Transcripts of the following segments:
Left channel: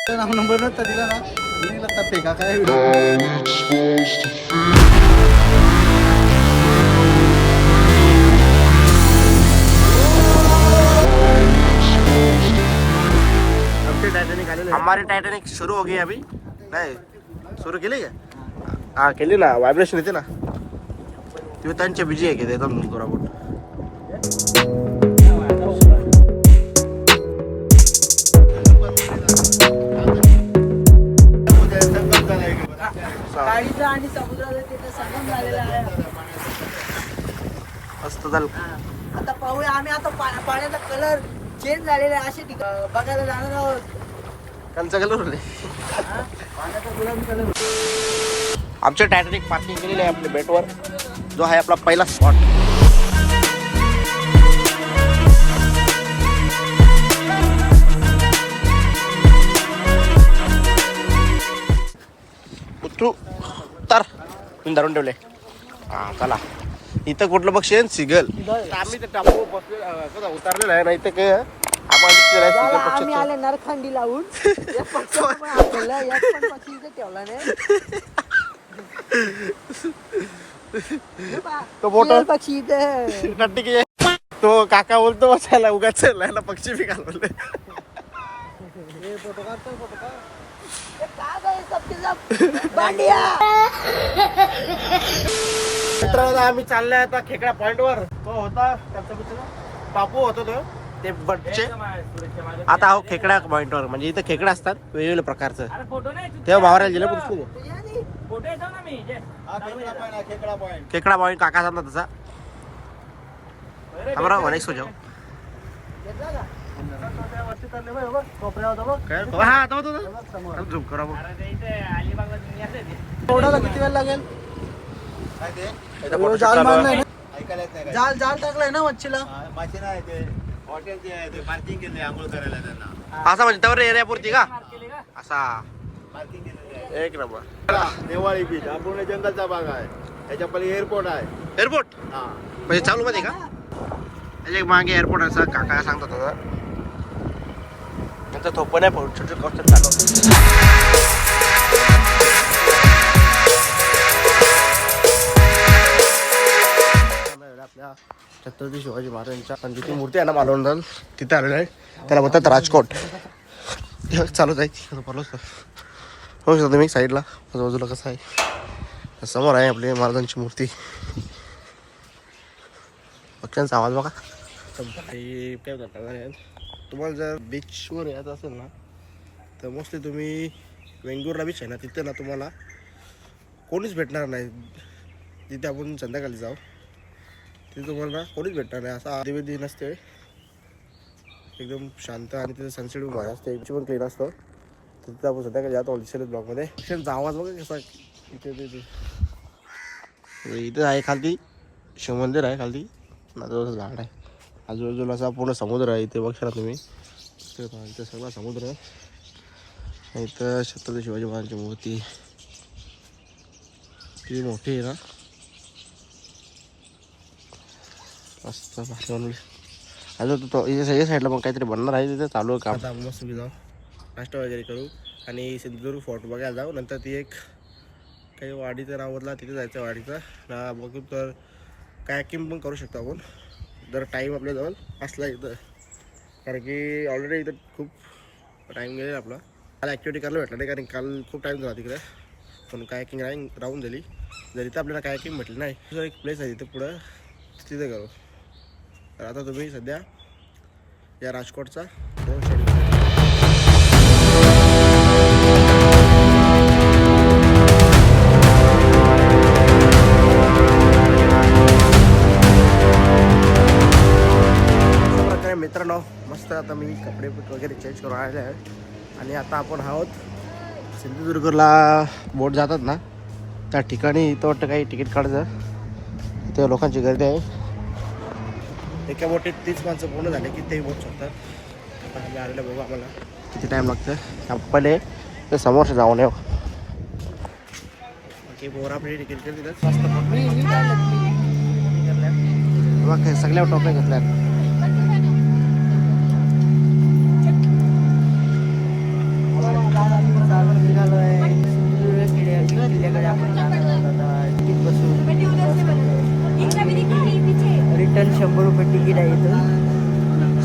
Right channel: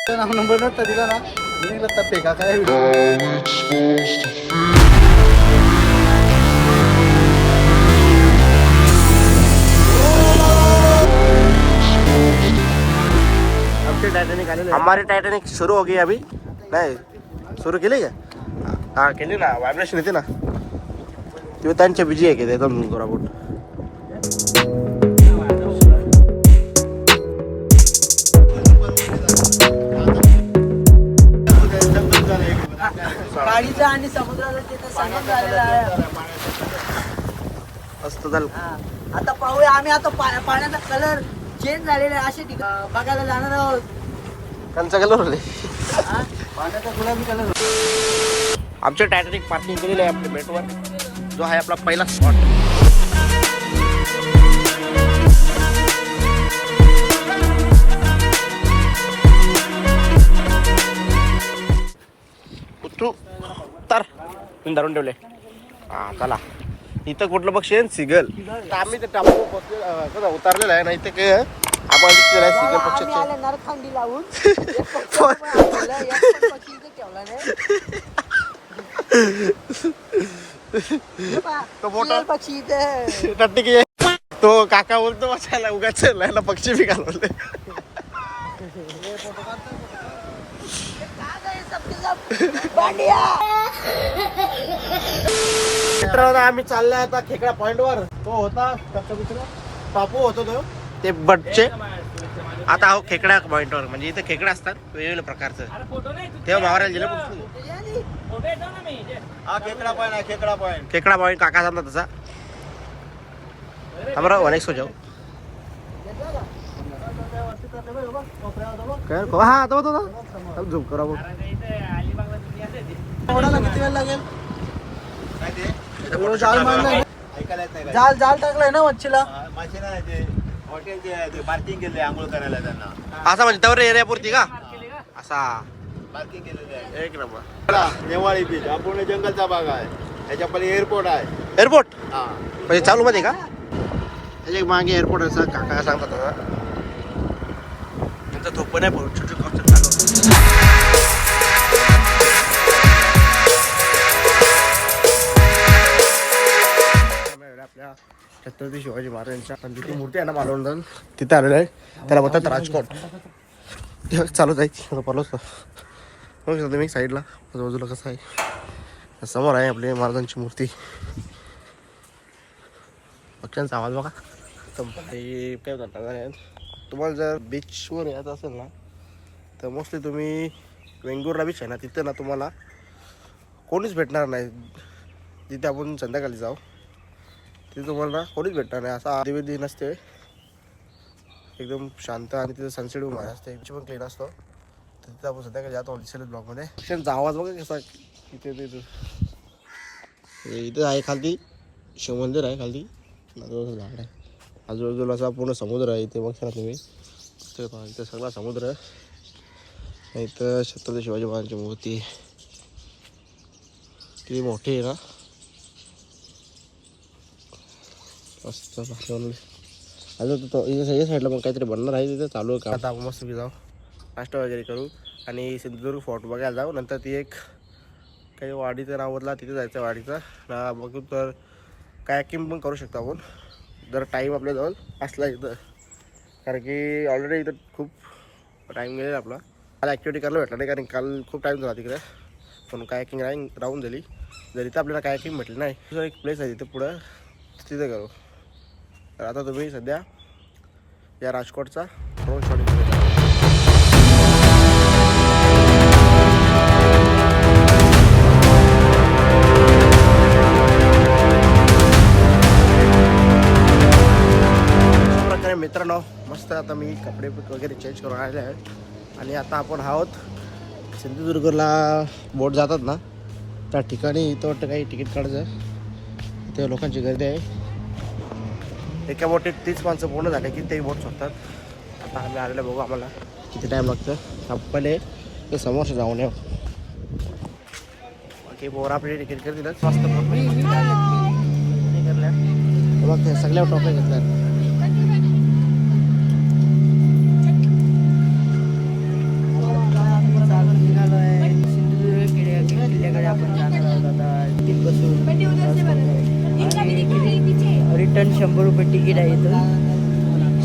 नाव number नव्हता दिला ना निघला तप्पे का काय हमारी टाइटैनिक शुरू हो गई अभी नाही सुरू केली का हा केली ना व्हायब्रेशन येते ना तेव्हा त्यांच्या बिजी आहे की एकदम गोराबोट आणि समुद्राला तिथे संगम झालेला आहे. मस्त झालं आता पाहूया आम्ही आता पाण्याचा कलर चेंज झालेला आहे असे ठिकाण बघायला जाणार आहोत. कंचा कलर होते पाण्याचा गुलाबी कलर आमच्या टायटॅनिक पार्किंग केलेली आहे आपल्या बेटवर जो आहे आपला पहिला स्पॉट उतरू तर तुम्ही धरून ठेवले हा चला इथं कुठलं पक्षी आहे सिगल आम्ही ते टापू बसले उतरलेलं आहे ना इथं काय आपण दिसलेलं आहे सिगल पक्षाचे नरखांडी लावून तो मोठा पक्षी इथे नट्टी की तो काका बोलतो बसायला उगाच ना पक्षी बी घालवले मित्रांनो आम्ही चालले आता खेकडा पॉइंट वर तो होता टापू होतो तो ते बटचे आता हो खेकडा पॉइंट वर म्हणजे इथे खेकडा असतात वेगवेगळ्या प्रकारचं तेव्हा भावाला गेलं खेकडा पॉइंट काका सांगता तसा हमारा अनेक सो जाओ हा तो झूम करा बोल जाल जाल टाकलाय ना मच्छीला हॉटेलचे पार्किंग केले आंघोळ करायला त्यांना असा म्हणजे त्यावर एरियापुरती का असा पार्किंग केलेलं एक नंबर आहे नेवाळी बीच हा पूर्ण जंगलचा भाग आहे त्याच्या पहिले एअरपोर्ट आहे एअरपोर्ट हा म्हणजे चालू मध्ये का त्याच्या मागे एअरपोर्ट असं काका सांगतात ना नंतर थोप नाही पडू छोटे कॉस्ट चालू आपल्या छत्रपती शिवाजी महाराजांच्या पंचवीस मूर्ती आहे ना मालवण तिथे आलेलं आहे त्याला म्हणतात राजकोट चालूच आहे पालोच हो शकतो तुम्ही साईडला बाजूला कसं आहे समोर आहे आपली महाराजांची मूर्ती पक्ष्यांचा आवाज बघा काय म्हणतात तुम्हाला जर बीचवर यायचं असेल ना तर मोस्टली तुम्ही वेंगुर्ला बीच आहे ना तिथे ना तुम्हाला कोणीच भेटणार नाही जिथे आपण संध्याकाळी जाऊ तिथे तुम्हाला कोणीच भेटणार नाही असा आदिविधी नसते एकदम शांत आणि तिथे सनसेट पण भारी असते बीच पण क्लीन असतो तिथे आपण संध्याकाळी जातो दिसेल ब्लॉगमध्ये पक्ष्यांचा आवाज बघा कसा इथे इथं आहे खालती शिवमंदिर आहे खालती नाजूचं झाड आहे आजूबाजूला असा पूर्ण समुद्र आहे इथे बघा तुम्ही इथं सगळा समुद्र आहे इथं छत्रपती शिवाजी महाराजांची मूर्ती किती मोठी आहे ना मस्त भारी बनवली अजून तो या साईडला पण काहीतरी बनणार आहे तिथे चालू आहे का आता आपण मस्त जाऊ नाश्ता वगैरे करू आणि सिंधुदुर्ग फोर्ट बघायला जाऊ नंतर ती एक काही वाडीचं नाव बदला तिथे जायचं वाडीचं ना बघू तर कायाकिंग पण करू शकतो आपण जर टाईम आपल्याजवळ असला इथं कारण की ऑलरेडी इथं खूप टाईम गेलेला आपला मला ॲक्टिव्हिटी करायला भेटला नाही कारण काल खूप टाईम झाला तिकडे पण कायाकिंग राहून दिली जर इथं आपल्याला कायाकिंग भेटली नाही तिथं एक प्लेस आहे तिथं पुढं तिथे करू तर आता तुम्ही सध्या या राजकोटचा ड्रोन शॉटिंग मित्रांनो मस्त आता मी कपडे वगैरे चेंज करून आलेले आहेत आणि आता आपण आहोत सिंधुदुर्गला बोट जातात ना त्या ठिकाणी इथं वाटतं काही तिकीट काढायचं इथं लोकांची गर्दी आहे एका बोटीत 30 माणसं पूर्ण झाले की ते बोट सोडतात आता आम्ही आलेलं बघू आम्हाला किती टाईम लागतं पहिले ते समोरचे जाऊन येऊ बाकी बोर आपली तिकीट कर दिलं मस्त बघ सगळ्या टॉपने घेतल्या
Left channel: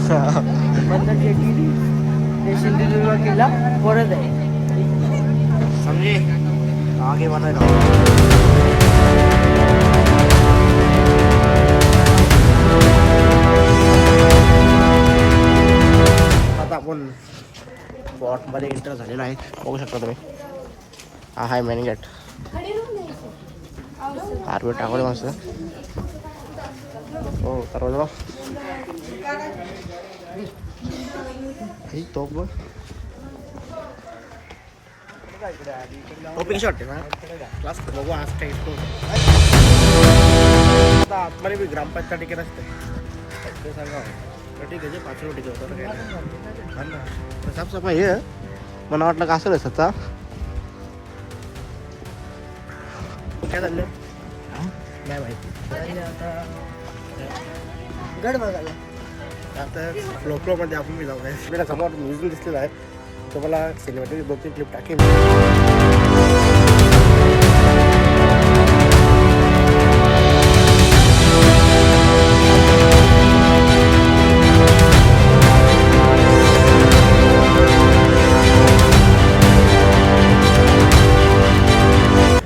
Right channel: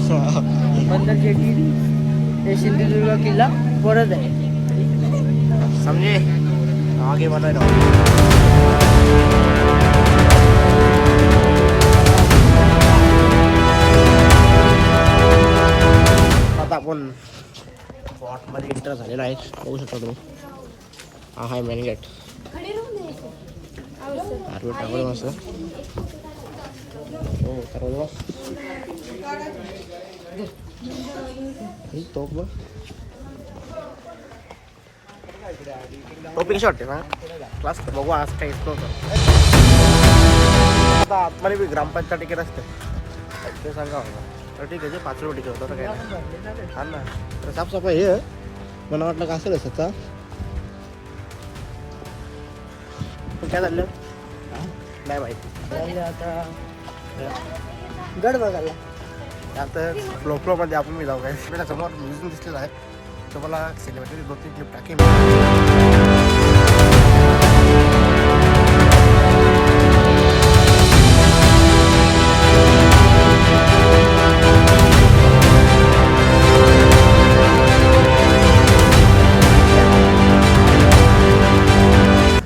बंदर जेटी ते सिंधुदुर्ग किल्ला परत आहे. समजे आगे बढ़ रहा आता आपण स्पॉट मध्ये एक्स्ट्रा झालेला आहे, बघू शकता तुम्ही. हा आहे मेन गेट. आरवे टाकले मस्त. हो तर ही तोप टोपी कशी वाटते ना मस्त. बघू आज काही आता आतमध्ये बी ग्रामपंचायत तिकीट असते ते सांगा. ठीक आहे 5 रुपये तिकीट होतं काय नाही. हा ना तर साफसफाई हे मला वाटलं का असेल सचा. काय झालं नाही माहिती. आता गड बघायला आता फ्लोमध्ये आपण मी जाऊ काय आपल्याला समोर म्युझियम दिसलेलं आहे. तर मला सिनेमॅटिक 2-3 क्लिप टाकेल.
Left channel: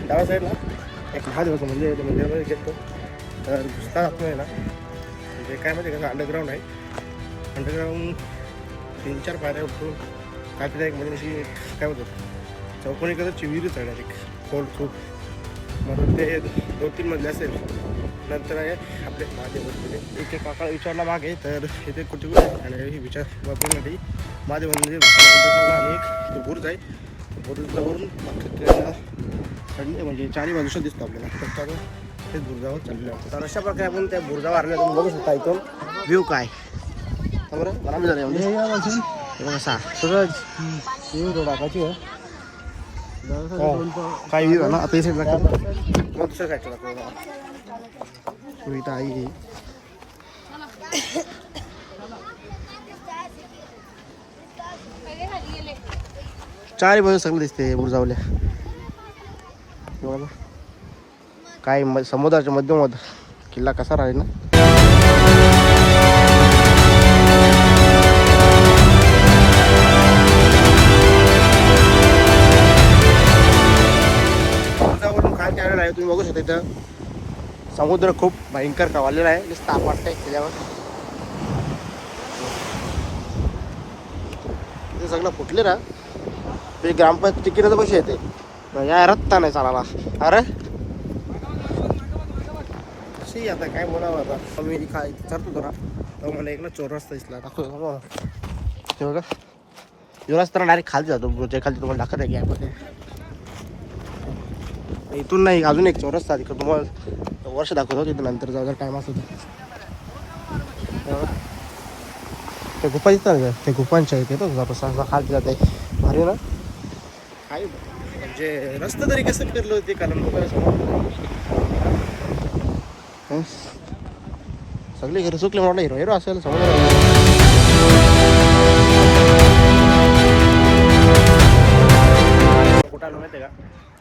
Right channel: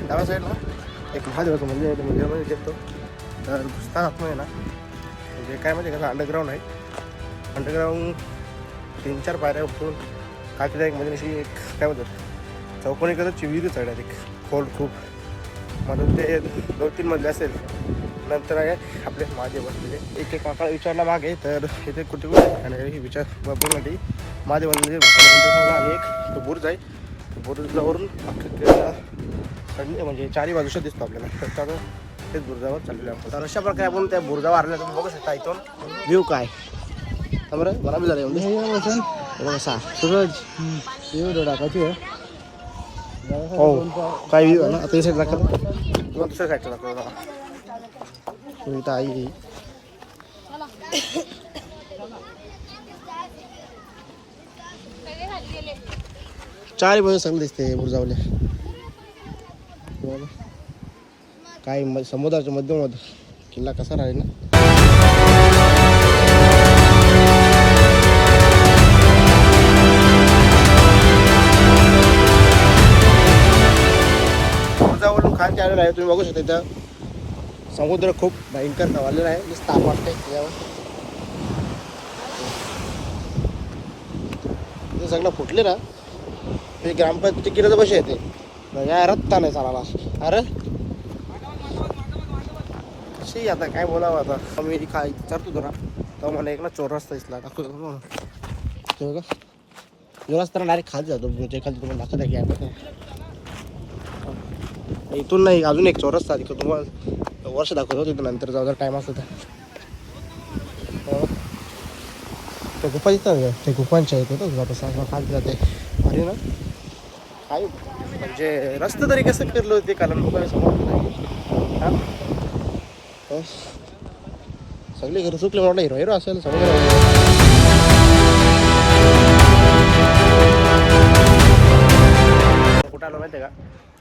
डाव्या साईडला एक महादेवाचं मंदिर आहे. त्या मंदिरामध्ये गेलो तर नुसता आतमध्ये ना म्हणजे काय म्हणजे कसं अंडरग्राऊंड आहे. अंडरग्राऊंड 3-4 पायऱ्या उठून काय तिला एक म्हणजे अशी काय म्हणतात चौकोनी करत विहिरीच आहे डायरेक्ट कोल्ड खूप. मग ते 2-3 मजले असेल. नंतर आहे आपले महादेव बसलेले. इथे काका विचारला मागे तर इथे कुठे आणि विचार पूर्ण महादेव मंदिर आणि एक तो बुर्ज आहे. तो बुर्जावरून म्हणजे 4 बाजूचं दिसतो आपल्याला. तर तेच बुर्जावर चाललेलं आहे. तर अशा प्रकारे आपण त्या बुर्जावर आलेला तुम्ही बघू शकता इथून व्ह्यू काय बरं बरा मी झालं म्हणजे कसा सूरज व्ह्यू टाकायची आहे. काय व्ह्यू आहे ना. आता साईड लागतात तुम्हाला दुसऱ्या साईडला लागतं. तुम्ही इथं आई चारी बाजू सगळं दिसते बुरजावल्या. काय समुद्राच्या मध्यमध किल्ला कसा राहील ना. बुरजावरून खालती आलेला आहे. तुम्ही बघू शकता इथं समुद्र खूप भयंकर खवळलेला आहे. नुसतं ताप वाटतंय त्याच्यावर. ते सगळं फुटले ना. ते ग्रामपंचायत तिकीटाचं पैसे येते या रत्ता नाही चालायला. अरे कशी आता काय बोलावं. आता मी काय विचारतो जरा तर मला एक ना चोर रस्ता दिसला दाखवतो ते बघा. जो रस्ता डायरेक्ट खाली जातो ब्रोच्या खाली तुम्हाला दाखवत आहे की इथून नाही अजून एक चोर रस्ता तिकडं तुम्हाला वर्ष दाखवतो. तिथं नंतर जाऊ जर टाईम असतो तर तो गुफा दिसतात ते गुफांच्या इथे बघ जातो खाली जाते भारी ना. काय म्हणजे रस्ता तरी कसं फिरलो होते कारण सगळे घरी चुकले म्हटलं हिरो हिरो असेल समोर. कुठं आलं माहिती आहे का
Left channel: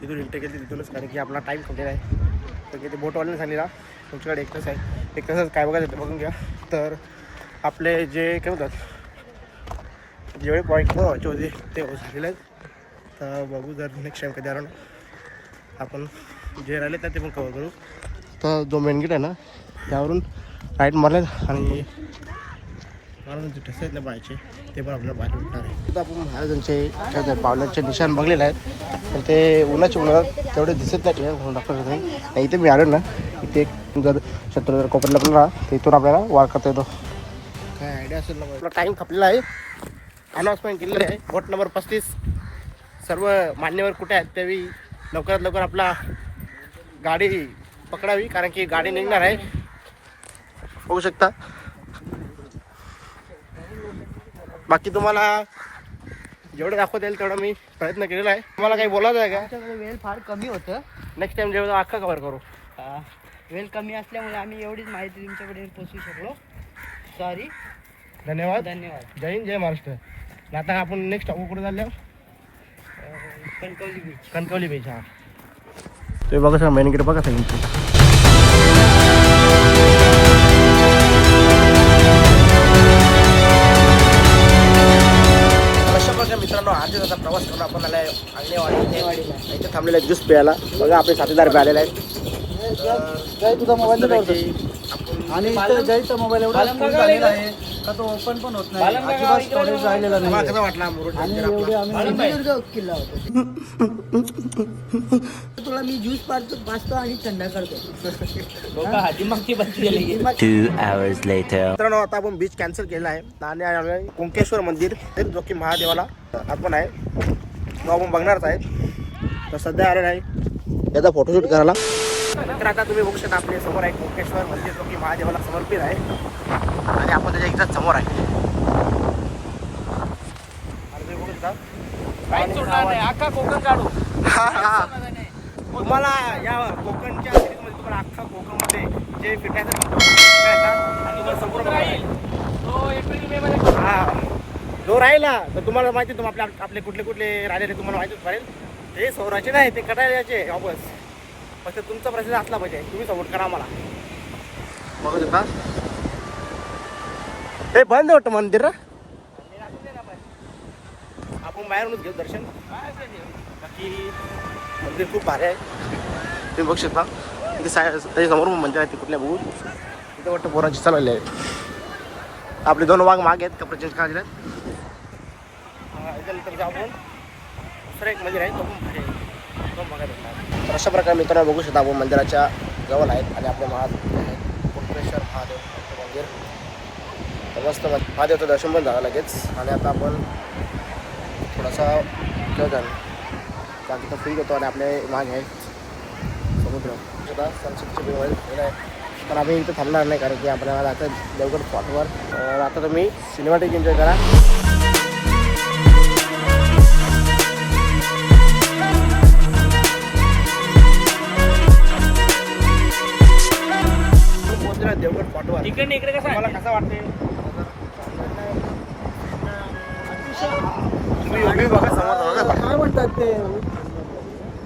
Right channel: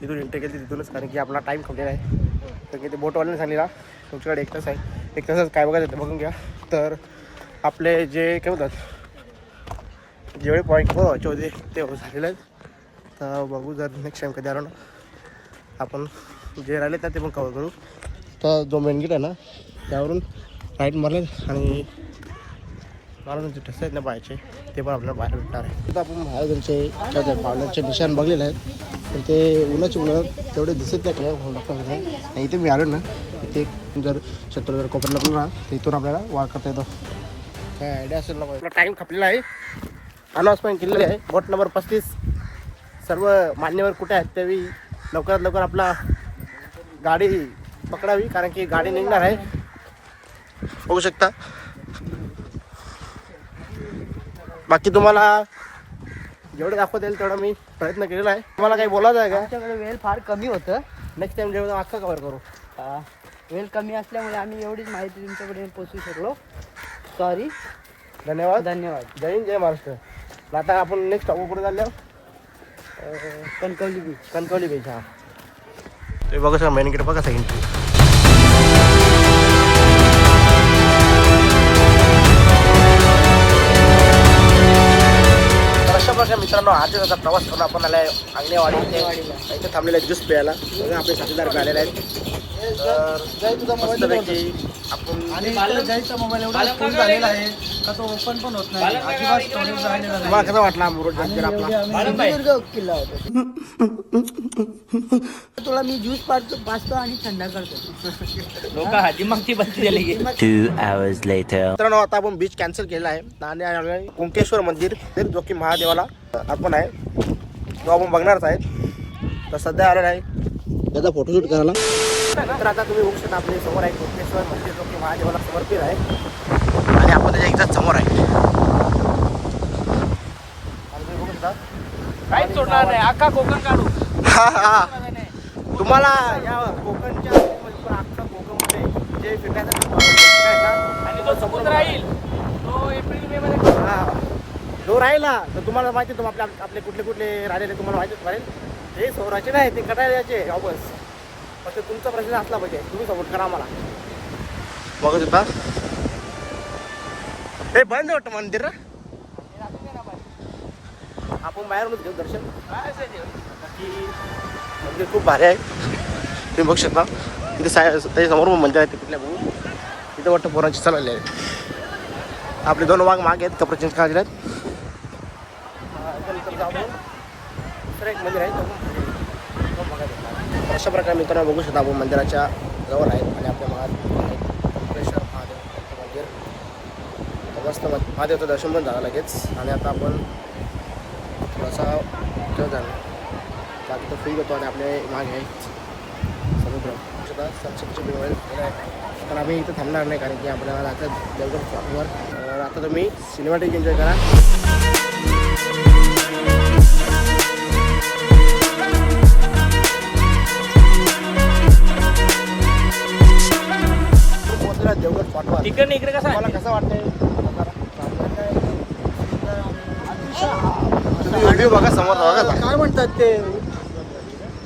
तिथून इंटर केली तिथूनच कारण की आपला टाईम संपलेला आहे. तर किती बोटवाल्याने सांगितला तुमच्याकडे 1 तास आहे. 1 तासात काय बघायचं बघून घ्या. तर आपले जे काय होतात जेवढे पॉईंट बघायचे होते ते झालेले आहेत. तर बघू जर नेक्स्ट टाईम कधी आलो ना आपण जे राहिले ना ते पण कवर करू. तर जो मेन गेट आहे ना त्यावरून राईट मारले आणि महाराजांचे तसे आहेत ना बाहेरचे ते पण आपल्याला बाहेर भेटणार आहे. तर आपण महाराजांचे काय पावलांचे निशाण बघलेले आहेत पण ते उन्हात तेवढे दिसत नाही क्लिअर म्हणून दाखवत नाही. इथे मी आलो ना इथे जर शत्रू जर कोकणला पण राहा तर इथून आपल्याला वार करता येतो. काय आयडिया असेल ना. आपला टाईम खपलेला आहे. अनाउन्समेंट केलेली आहे. बोट नंबर 35 सर्व मान्यवर कुठे आहेत त्यावेळी लवकरात लवकर आपला गाडी पकडावी कारण की गाडी निघणार आहे. बघू शकता. बाकी तुम्हाला जेवढं दाखवता येईल तेवढा मी प्रयत्न केलेला आहे. तुम्हाला काही बोलायचं आहे का. आमच्याकडे वेळ फार कमी होतं. नेक्स्ट टाइम जेवढं अख्खा कव्हर करू. वेळ कमी असल्यामुळे आम्ही एवढीच माहिती तुमच्याकडे पोहोचू शकलो. सॉरी. धन्यवाद. जय हिंद जय महाराष्ट्र. आता आपण नेक्स्ट कुठे चाललो कणकवली बीच. हा ते बघा सर मेन गेट बघा सगळी. मित्रांनो आजच आता प्रवास करून आपण आलाय आंगणेवाडी इथे थांबलेला आहे ज्यूस प्यायला. बघा आपले साथीदार आलेले आहेत. तर मस्तपैकी आपण जायचा मोबाईल एवढा फुल झालेला आहे का तो ओपन पण होत नाही, अजिबात स्टोरेज राहिलेला नाही. तुम्हाला कसं वाटला मुरुड आणि मंदिर एवढे आपला? आम्ही सिंधुदुर्ग किल्ला होतो. तुला मी ज्यूस पाचतो आणि थंड करतो. 2 hours later. मित्रांनो आता आपण बीच कॅन्सल केला आहे आणि आलोय कुंकेश्वर मंदिर जो की महादेवाला अर्पण आहे, तो आपण बघणारच आहे. तर सध्या आलेला आहे याचा फोटोशूट करायला. नंतर आता तुम्ही बघू शकता आपल्या समोर आहे कुंकेश्वर मंदिर जो की महादेवाला समर्पित आहे आणि आपण त्याच्या एकदाच समोर आहे. आणि तुम्ही बघू शकता तुम्हाला या कोकणच्या म्हणजे तुम्हाला अख्खा कोकणमध्ये जे फिरण्यासाठी तुम्हाला समोर बघायला मिळेल. जो राहिला तर तुम्हाला माहिती तुम्ही आपले कुठले कुठले राहिले तुम्हाला माहितीच पडेल. हे सौराचे नाही, ते कटायला यायचे वापस. फक्त तुमचा प्रश्न असला पाहिजे, तुम्ही सपोर्ट करा मला. बघत होता हे बंद होतं मंदिर ना, आपण बाहेरूनच घेऊ दर्शन. बाकी मंदिर खूप भारी आहे, तुम्ही बघू शकता. तिथे त्याच्यासमोर पण मंदिर आहे, ते कुठल्या बघू तिथे वाटतं पोरांची चालवले आहे. आपले 2 वाघ मागे आहेत, कपडे चेंज करायचे आहेत. याच्यानंतर आपण दुसरं एक मंदिर आहे, तो पण भारी आहे, तो बघायला भेटणार. तर अशा प्रकारे मित्रांनो बघू शकता आपण मंदिराच्या जवळ आहेत आणि आपल्या कुंकेश्वर महादेव यांचं मंदिर. तर मस्त महादेवचं दर्शन पण झालं लगेच. आणि आता आपण थोडासा खेळ बाकी तर फ्री होतो आणि आपले मागे आहे समुद्र. सनसेटची वेळ आहे, पण आम्ही इथं थांबणार नाही कारण की आपल्याला जायचं देवगड स्पॉटवर. आता तुम्ही सिनेमॅटिक एन्जॉय करा. देवगड स्पॉटवर तुम्हाला कसं वाटतंय? तुम्ही व्ह्यू बघा समोर बघा काय म्हणतात ते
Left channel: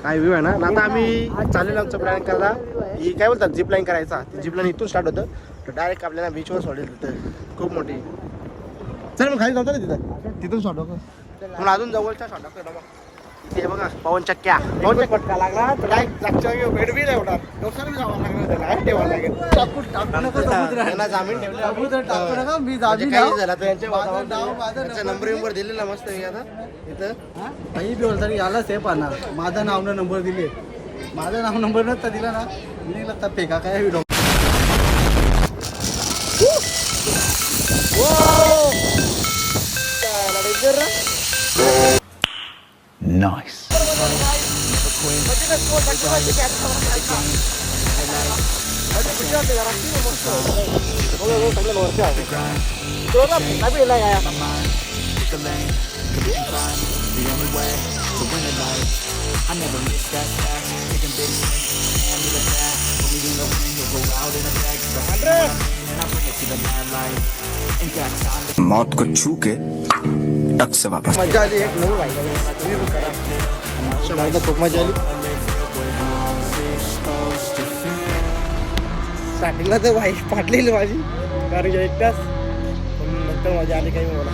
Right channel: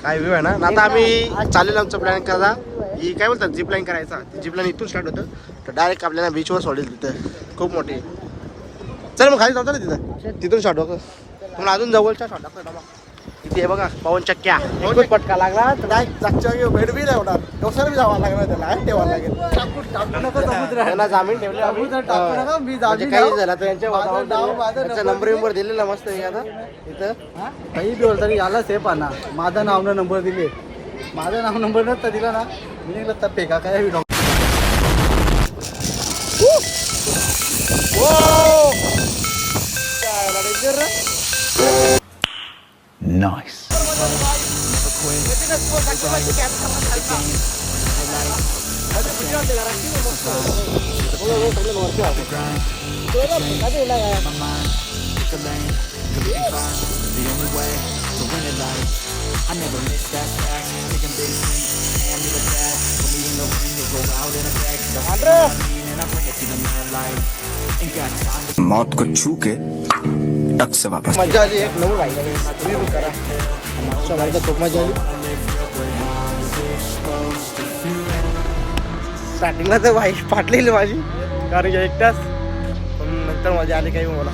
काय व्ह्यू आहे ना. आता आम्ही चाललेलो आमचं प्लॅन करायला. ही काय बोलतात झिप लाईन करायचा. ती झिप लाईन इथून स्टार्ट होतं तर डायरेक्ट आपल्याला बीचवर सोडेल. तिथं खूप मोठी. चल मग खाली जातो ना तिथून स्टार्ट होतं. तुम्हाला अजून जवळच्या स्टार्ट दाखवतो. इथे बघा पवन चक्क्या पटका लागला तर काय जागच्या भेट बी नाही होणार. दोसर बी जावं लागणार त्याला, ठेवावं लागेल. टाकू नका समुद्र, त्यांना जामीन ठेवले. समुद्र टाकू नका. मी म्हणजे काही झालं तर माझं नंबर विंबर दिलेला मस्त आहे आता इथं. काही बी तरी याला सेफ आणा. माझं नाव न नंबर दिले, माझं नाव नंबर नसता दिला ना मी निघला तर फेका काय. Nice. I never miss that fact. Taking big swings, stand to the bat. Put me in the ring, you'll go out in a bag. 'Cause I see what I mean and I bring it to the mad light. Ain't got time to मौत को छू के टक से वापस. मजा आली. एक नऊ वाईट तुम्ही पण करा. खूप मजा आली. स्टार्टिंगला तर वाईट फाटलेली माझी कारण की एक तास, पण नंतर मजा आली काही मला.